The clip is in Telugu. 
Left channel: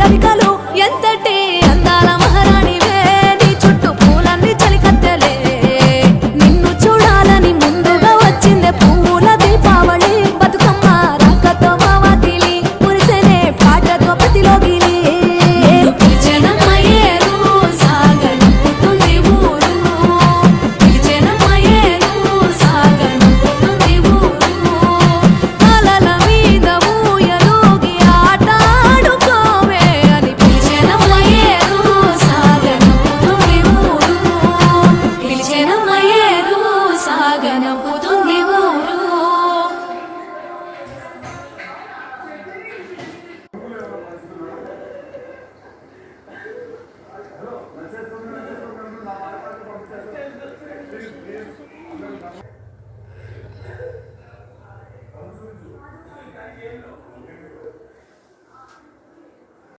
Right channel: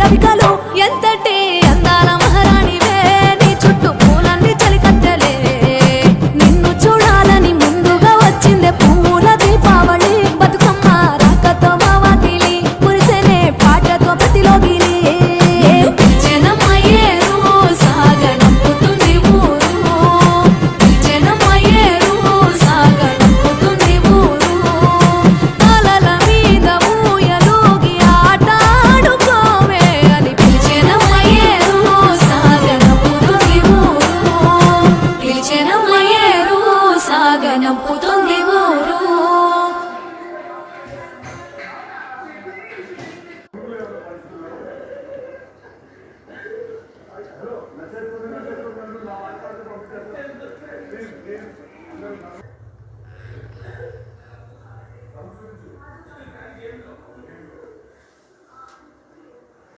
రవికలు ఎంతటి అందాల మహారాణివే నీ చుట్టూ పూలన్నీ చలికత్తెలే నిన్ను చూడాలని ముందుగా వచ్చిందే పూల దీపావళి బతుకమ్మ రాకతో మా వాకిలి మురిసెనే పాటతో ప్రతిలోకి